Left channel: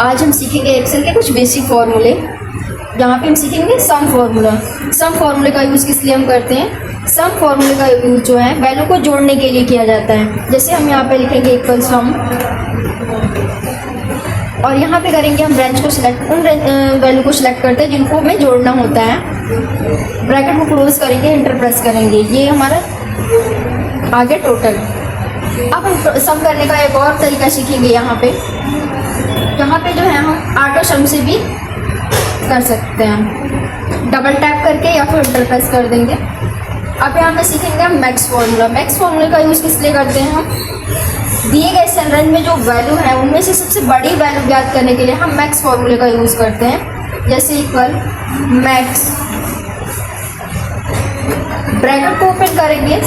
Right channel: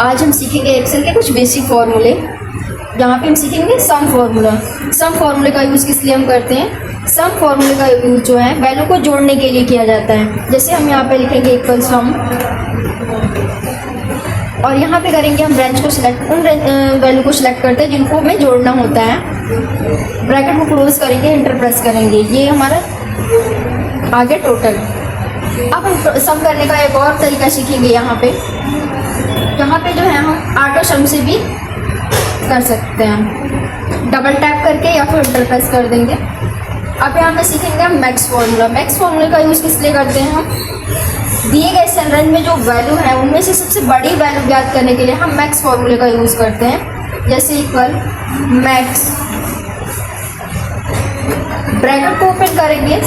आज हम सीखेंगे एक्सेल के कुछ बेसिक फॉर्मूले। यहाँ पे हम सीखेंगे सम फॉर्मूला। सम फॉर्मूले का यूज़ किस लिए हम करते हैं? सम फॉर्मूले का यूज़ जो है वैल्यू को जोड़ने के लिए किया जाता है। जैसे हम यहाँ पे लिखेंगे इक्वल सम, और यहाँ पे करेंगे हम रेंज को सिलेक्ट, उन वैल्यू को सिलेक्ट करते हैं जिनको हमें जोड़ना होता है। ब्रैकेट को क्लोज करेंगे, इंटर प्रेस करेंगे, ये हमारा आगे टोटल। अब हम सम करने का एक और तरीका सीखेंगे। यहाँ पे जो है हम ऑटो सम से भी कर सकते हैं, डबल टैप करके या फिर इंटर प्रेस कर देंगे। अब यहाँ पे सीखेंगे हम मैक्स फॉर्मूला। मैक्स फॉर्मूले का यूज़ किस लिए करते हैं? हम दिए गए सेल रेंज में जो वैल्यू है उनमें से सबसे बड़ी वैल्यू ज्ञात करने के लिए हम मैक्स फॉर्मूले का यूज़ करते हैं। जैसे इक्वल मैक्स, ब्रैकेट को ओपन करेंगे,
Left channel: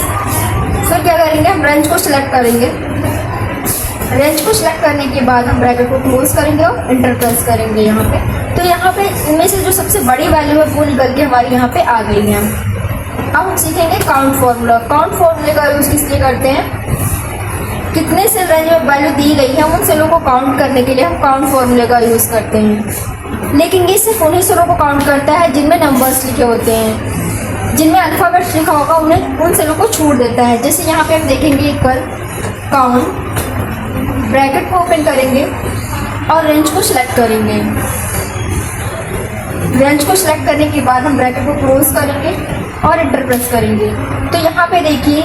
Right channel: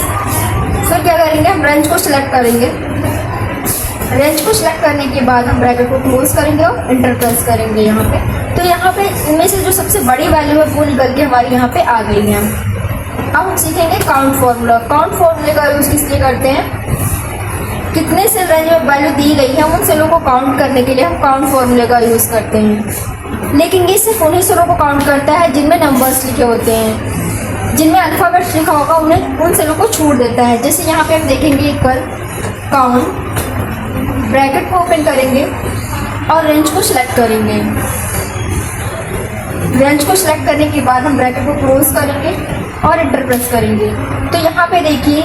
फिर क्या करेंगे हम रेंज को सिलेक्ट करेंगे। रेंज को सिलेक्ट करने के बाद हम ब्रैकेट को क्लोज करेंगे और इंटर प्रेस करेंगे यहाँ पे। तो यहाँ पे इनमें से जो सबसे बड़ी वैल्यू है वो निकल के हमारी यहाँ पे आ गई है। अब हम सीखेंगे काउंट फॉर्मूला। काउंट फॉर्मूले का यूज़ किस लिए करते हैं? कितने सेल रेंज में वैल्यू दी गई है उन सेलों को काउंट करने के लिए हम काउंट फॉर्मूले का यूज़ करते हैं। लेकिन ये सिर्फ उन्हीं सेलों को काउंट करता है जिनमें नंबर्स लिखे होते हैं। जिनमें अल्फ़ाबेट्स लिखा होगा उन्हें, उन सेलों को छोड़ देता है। जैसे यहाँ पे हम देखेंगे इक्वल काउंट, ब्रैकेट को ओपन करेंगे और रेंज को सिलेक्ट करेंगे। रेंज को सिलेक्ट करने के बाद हम ब्रैकेट को क्लोज करेंगे और इंटर प्रेस करेंगे। तो यहाँ पे देखिए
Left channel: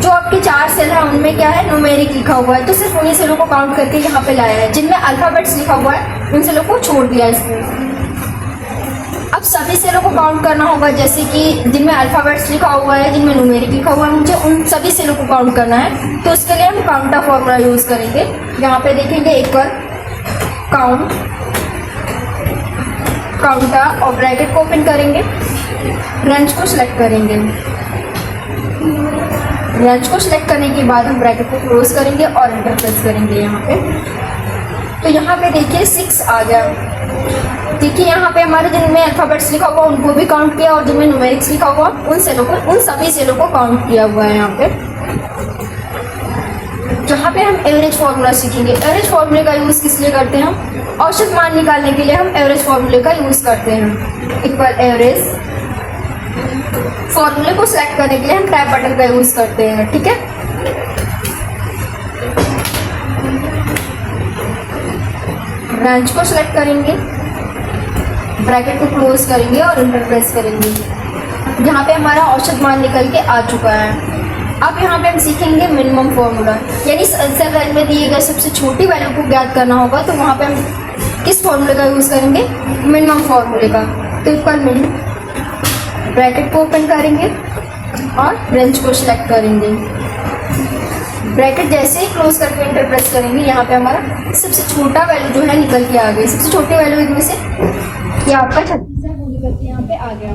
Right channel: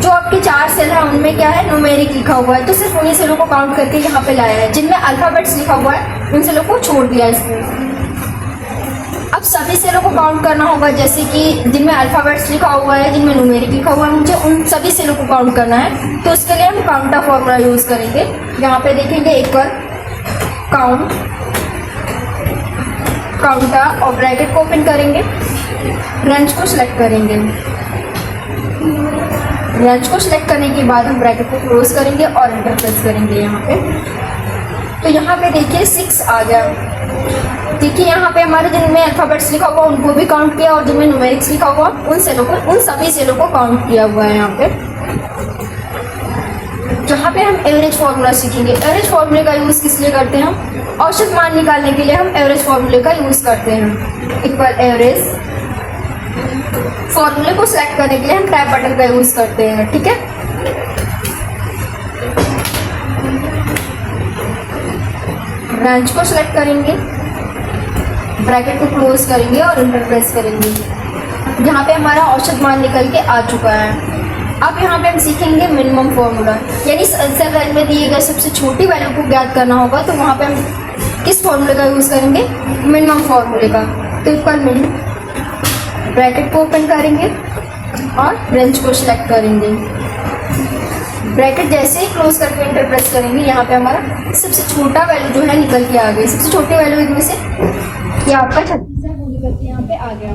जो आपके 4 सेल है उनमें क्या है, न्यूमेरिक लिखा हुआ है, तो सिर्फ उन्हीं सेलों को काउंट करके यहाँ पे लाया है। जिनमें अल्फ़ाबेट्स लिखा हुआ है उन सेलों को छोड़ दिया इसने। अब सभी सेलों को काउंट करना होगा, जैसे कि जिनमें अल्फ़ाबेट्स लिखा हुआ है, जिनमें न्यूमेरिक लिखा हुआ है, मुझे उन सभी सेलों को काउंट करना है। तो उसके लिए हम काउंटा फॉर्मूला यूज़ करेंगे। यहाँ पे देखेंगे इक्वल काउंट, काउंटा, और ब्रैकेट को ओपन करेंगे, रेंज को सिलेक्ट करेंगे। रेंज को सिलेक्ट करने के बाद हम ब्रैकेट को क्लोज करेंगे और इंटर प्रेस करेंगे यहाँ पे। तो यहाँ पे देखिए 6 आ गया। देखिए यहाँ पे हमारे जिनमें अल्फ़ाबेट्स लिखा हुआ उनको भी काउंट किया, और जिनमें न्यूमेरिक्स लिखा हुआ उन सेलों को, उन सभी सेलों को काउंट किया हुआ है यहाँ पे। जहाँ पे हम एवरेज फॉर्मूला सीखेंगे। एवरेज फॉर्मूले का यूज़ किस लिए करते हैं? हम औसत मान निकालने के लिए हम एवरेज फॉर्मूले का यूज़ करते हैं। इक्वल एवरेज, फॉर्मूले को सिलेक्ट करने के लिए हम टैब बटन का यूज़ करते हैं। ठीक है, रेंज को सिलेक्ट करेंगे, ब्रैकेट को क्लोज करेंगे और इंटर प्रेस करेंगे। यहाँ पे हमारा औसत मान निकल के आ चुका है। अब यहाँ पे हम सीखेंगे मिनिमम फॉर्मूला, यानी सेल रेंज में दिए गए सबसे छोटी वैल्यू को ज्ञात करना होगा। तो वहाँ पे हम किस फॉर्मूले का यूज़ करेंगे? मिनिमम फॉर्मूले का। तो इक्वल मिन, ब्रैकेट को ओपन करेंगे और रेंज को सिलेक्ट करेंगे। ब्रैकेट जैसे ही क्लोज करके इंटर प्रेस करेंगे, यहाँ पे हमारा सबसे छोटा वैल्यू जो है निकल के आ गई। सबसे छोटी वैल्यू इनमें से ये आपका 36 है, वो निकल के यहाँ पे आ गया।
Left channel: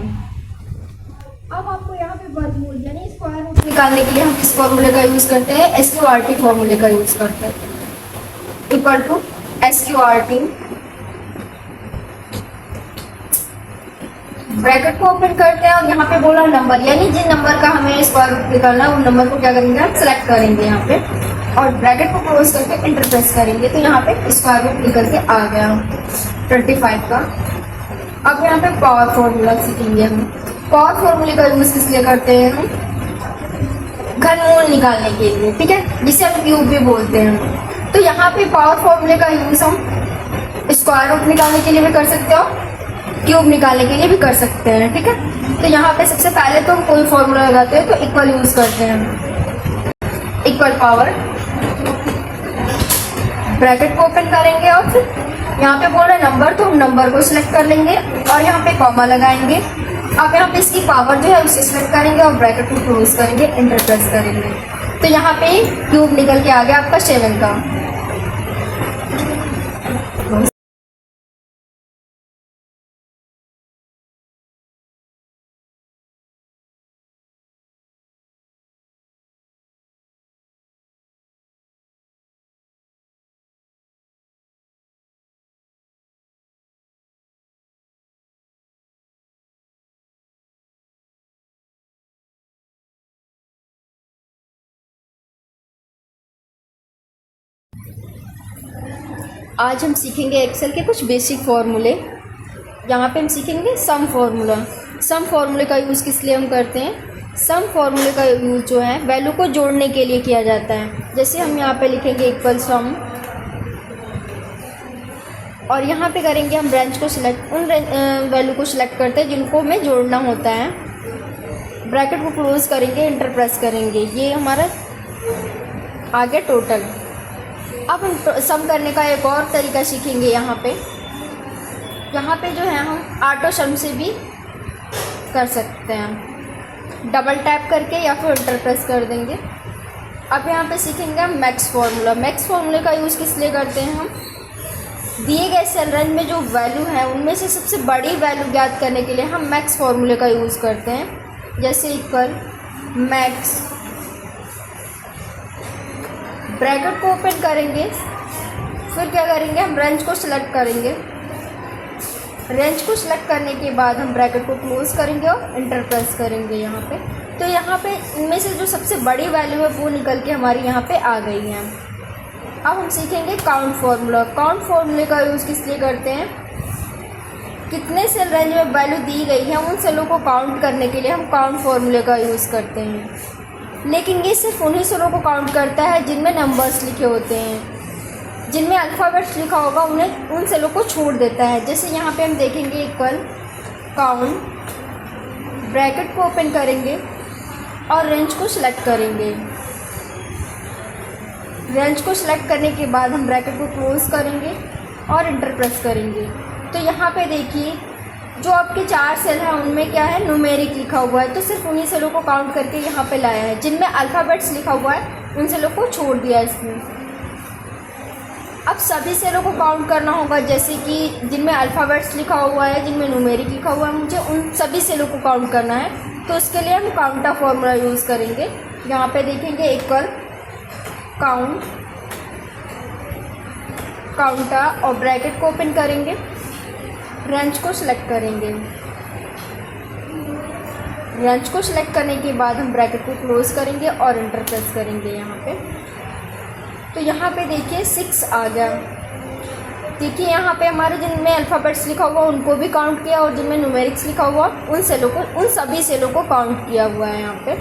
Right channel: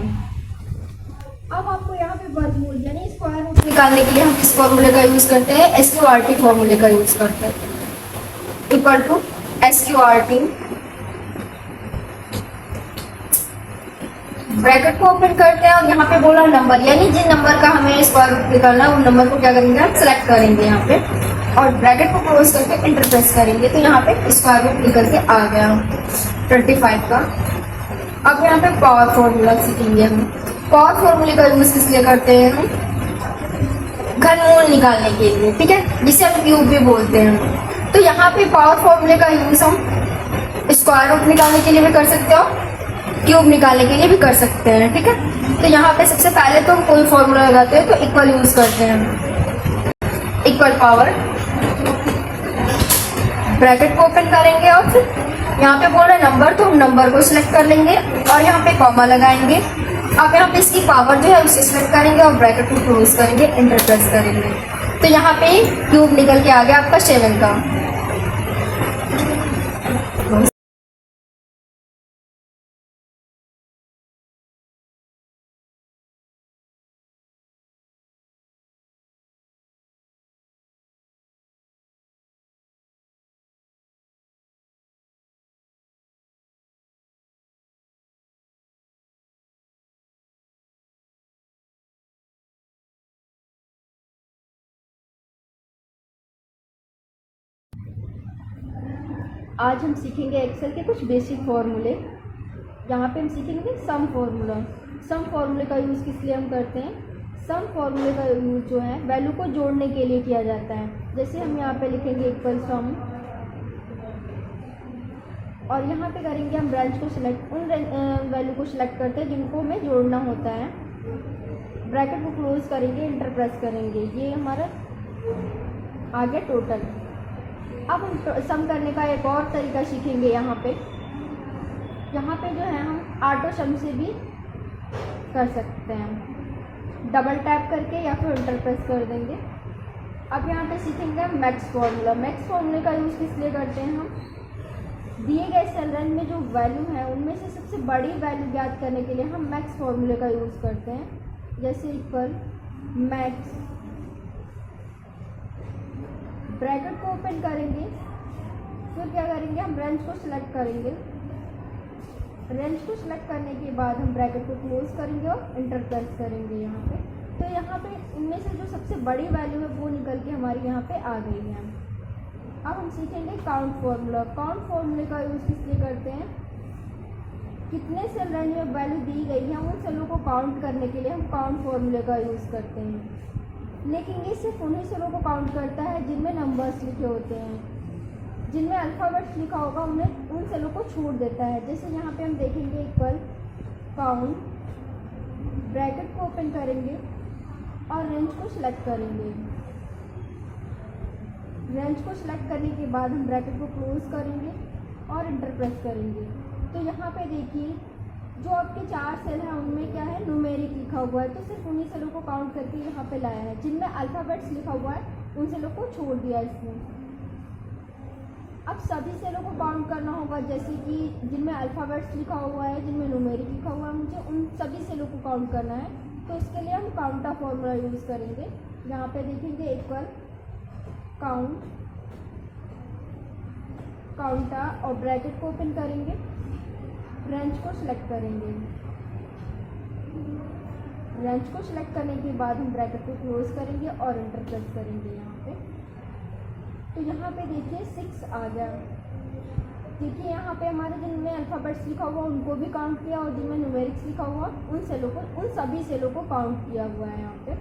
अब आपको यहाँ पे वर्गमूल यानी स्क्वायर रूट निकालने के लिए हम किस फॉर्मूले का यूज़ करते हैं? SQRT फॉर्मूले का यूज़ करते हैं। इक्वल टू SQRT, ब्रैकेट को ओपन करते हैं और यहाँ पे बोला नंबर, यानी जिन नंबर का हमें स्क्वायर रूट निकालना है उन नंबर को क्या करेंगे हम सेलेक्ट करेंगे यहाँ पे, और ब्रैकेट को क्लोज करके इंटर प्रेस करेंगे। तो यहाँ पे स्क्वायर रूट निकल के आ गया 25 का। अब यहाँ पे पावर फॉर्मूला सीखेंगे हम। पावर फॉर्मूले का यूज़ किस लिए करते हैं हम? घनमूल निकालने के लिए। ठीक है, जिसे हम क्यूब भी बोलते हैं। तो यहाँ पे पावर फॉर्मूले का यूज़ हम स्क्वायर रूट निकालने के लिए भी कर सकते हो, क्यूब निकालने के लिए भी कर सकते हैं। ठीक है, तो यहाँ पे सबसे पहले तो हम कोई फॉर्मूला लगाते हैं तो इक्वल यूज़ करते हैं। इक्वल पावर, ब्रैकेट को ओपन करेंगे और फिर यहाँ पे बोल रहा है नंबर, तो हम नंबर को सिलेक्ट कर लेंगे और यहाँ पे कॉमा लगाएंगे। अब यहाँ पे इसकी पावर जो है उसे सिलेक्ट करेंगे और ब्रैकेट को क्लोज करेंगे, इंटर प्रेस करेंगे। तो यहाँ पे क्यूब निकल के आ गया आपका 7 का। आज हम सीखेंगे एक्सेल के कुछ बेसिक फार्मूले। यहाँ पे हम सीखेंगे सम फार्मूला। सम फार्मूले का यूज़ किस लिए हम करते हैं? सम फार्मूले का यूज़ जो है वैल्यू को जोड़ने के लिए किया जाता है। जैसे हम यहाँ पे लिखेंगे इक्वल सम और यहाँ पे करेंगे हम रेंज को सिलेक्ट, उन वैल्यू को सिलेक्ट करते हैं जिनको हमें जोड़ना होता है। ब्रैकेट को क्लोज करेंगे, इंटर प्रेस करेंगे, ये हमारा आ गया टोटल। अब हम सम करने का एक और तरीका सीखेंगे। यहाँ पे जो है हम ऑटो सम से भी कर सकते हैं, डबल टैप करके या फिर इंटर प्रेस कर देंगे। अब यहाँ पे सीखेंगे हम मैक्स फार्मूला। मैक्स फार्मूले का यूज़ किस लिए करते हैं? हम दिए गए सेल रेंज में जो वैल्यू है उनमें से सबसे बड़ी वैल्यू ज्ञात करने के लिए हम मैक्स फार्मूले का यूज़ करते हैं। जैसे इक्वल मैक्स, ब्रैकेट को ओपन करेंगे, फिर क्या करेंगे हम रेंज को सिलेक्ट करेंगे। रेंज को सिलेक्ट करने के बाद हम ब्रैकेट को क्लोज करेंगे और इंटर प्रेस करेंगे यहाँ पे। तो यहाँ पे इनमें से जो सबसे बड़ी वैल्यू है वो निकल के हमारी यहाँ पे आ गई है। अब हम सीखेंगे काउंट फार्मूला। काउंट फार्मूले का यूज़ किस लिए करते हैं? कितने सेल रेंज में वैल्यू दी गई है उन सेलों को काउंट करने के लिए हम काउंट फार्मूले का यूज़ करते हैं। लेकिन ये सिर्फ उन्हीं सेलों को काउंट करता है जिनमें नंबर्स लिखे होते हैं। जिनमें अल्फ़ाबेट्स लिखा होगा उन्हें, उन सेलों को छोड़ देता है। जैसे यहाँ पे हम देखेंगे इक्वल काउंट, ब्रैकेट को ओपन करेंगे और रेंज को सिलेक्ट करेंगे। रेंज को सिलेक्ट करने के बाद हम ब्रैकेट को क्लोज करेंगे और इंटर प्रेस करेंगे। तो यहाँ पे देखिए जो आपके 4 सेल हैं उनमें क्या है, न्यूमेरिक लिखा हुआ है। तो सिर्फ उन्हीं सेलों को काउंट करके यहाँ पे लाया है। जिनमें अल्फ़ाबेट्स लिखा हुआ है उन सेलों को छोड़ दिया इसने। अब सभी सेलों को काउंट करना होगा, जैसे कि जिनमें अल्फ़ाबेट्स लिखा हुआ है, जिनमें न्यूमेरिक लिखा हुआ है, मुझे उन सभी सेलों को काउंट करना है। तो उसके लिए हम काउंटा फॉर्मूला यूज़ करेंगे। यहाँ पे देखेंगे इक्वल काउंट, काउंटा और ब्रैकेट को ओपन करेंगे, रेंज को सिलेक्ट करेंगे। रेंज को सिलेक्ट करने के बाद हम ब्रैकेट को क्लोज करेंगे और इंटर प्रेस करेंगे यहाँ पे। तो यहाँ पे देखिए 6 आ गया। देखिए यहाँ पे हमारे जिनमें अल्फ़ाबेट्स लिखा हुआ उनको भी काउंट किया और जिनमें न्यूमेरिक्स लिखा हुआ उन सेलों को, उन सभी सेलों को काउंट किया हुआ है यहाँ पे।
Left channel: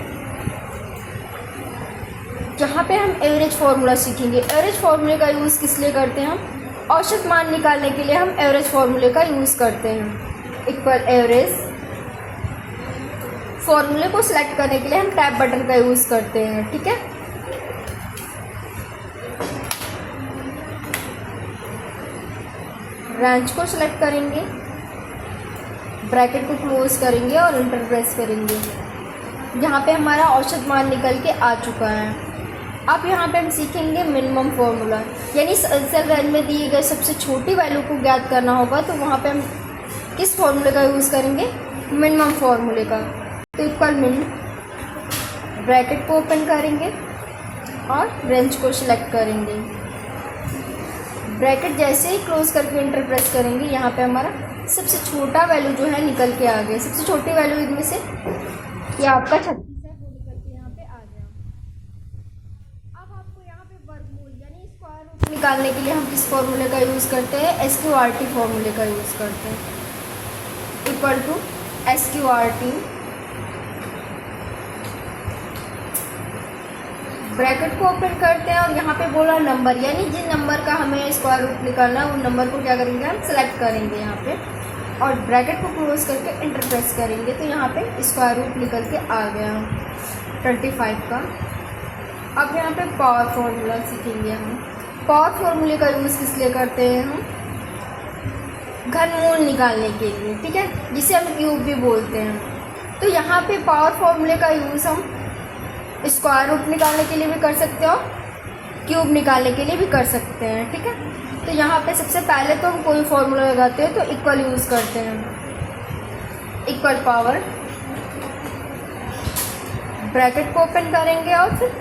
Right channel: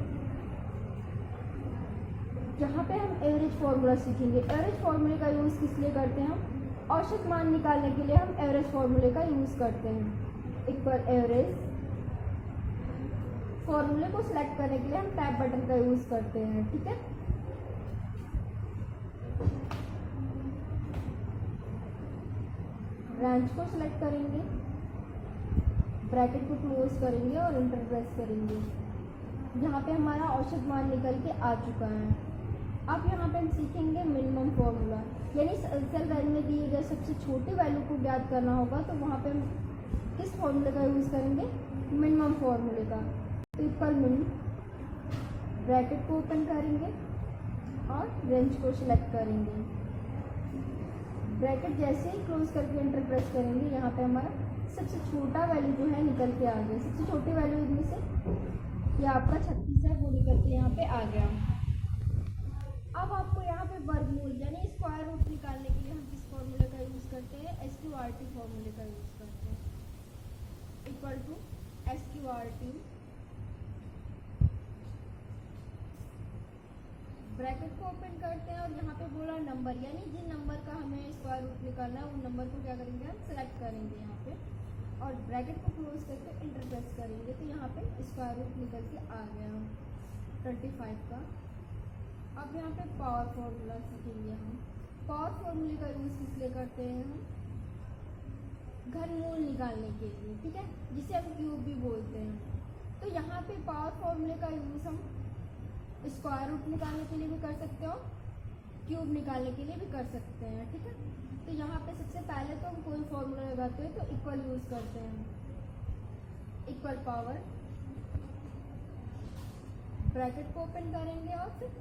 जहाँ पे हम एवरेज फार्मूला सीखेंगे। एवरेज फार्मूले का यूज़ किस लिए करते हैं? हम औसत मान निकालने के लिए हम एवरेज फार्मूले का यूज़ करते हैं। इक्वल एवरेज, फार्मूले को सिलेक्ट करने के लिए हम टैब बटन का यूज़ करते हैं। ठीक है, रेंज को सिलेक्ट करेंगे, ब्रैकेट को क्लोज करेंगे और इंटर प्रेस करेंगे। यहाँ पे हमारा औसत मान निकल के आ चुका है। अब यहाँ पे हम सीखेंगे मिनिमम फार्मूला, यानी सेल रेंज में दी गई सबसे छोटी वैल्यू को ज्ञात करना होगा। तो वहाँ पे हम किस फार्मूले का यूज़ करेंगे? मिनिमम फार्मूले का। तो इक्वल मिन, ब्रैकेट को ओपन करेंगे और रेंज को सिलेक्ट करेंगे। ब्रैकेट जैसे ही क्लोज करके इंटर प्रेस करेंगे, यहाँ पे हमारा सबसे छोटा वैल्यू जो है निकल के आ गया। सबसे छोटी वैल्यू इनमें से ये आपका 36 है, वो निकल के यहाँ पे आ गया। अब आपको यहाँ पे वर्गमूल यानी स्क्वायर रूट निकालने के लिए हम किस फॉर्मूले का यूज़ करते हैं? SQRT फॉर्मूले का यूज़ करते हैं। इक्वल टू SQRT, ब्रैकेट को ओपन करते हैं और यहाँ पे बोला नंबर, यानी जिन नंबर का हमें स्क्वायर रूट निकालना है उन नंबर को क्या करेंगे हम सेलेक्ट करेंगे यहाँ पे और ब्रैकेट को क्लोज करके इंटर प्रेस करेंगे। तो यहाँ पे स्क्वायर रूट निकल के आ गया 25 का। अब यहाँ पे पावर फार्मूला सीखेंगे हम। पावर फार्मूले का यूज़ किस लिए करते हैं? हम घनमूल निकालने के लिए। ठीक है, जिसे हम क्यूब भी बोलते हैं। तो यहाँ पे पावर फार्मूले का यूज़ हम स्क्वायर रूट निकालने के लिए भी कर सकते हो, क्यूब निकालने के लिए भी कर सकते हैं। ठीक है, तो यहाँ पे सबसे पहले तो हम कोई फार्मूला लगाते हैं तो इक्वल यूज़ करते हैं। इक्वल पावर, ब्रैकेट को ओपन करेंगे और फिर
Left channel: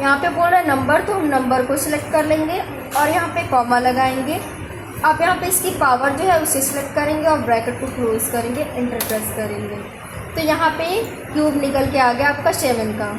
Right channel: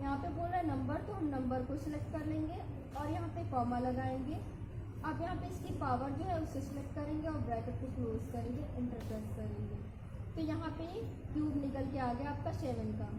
यहाँ पे बोल रहा है नंबर, तो हम नंबर को सिलेक्ट कर लेंगे और यहाँ पे कॉमा लगाएंगे। आप यहाँ पे इसकी पावर जो है उसे सिलेक्ट करेंगे और ब्रैकेट को क्लोज करेंगे, इंटर प्रेस करेंगे। तो यहाँ पे क्यूब निकल के आ गया आपका 7 का।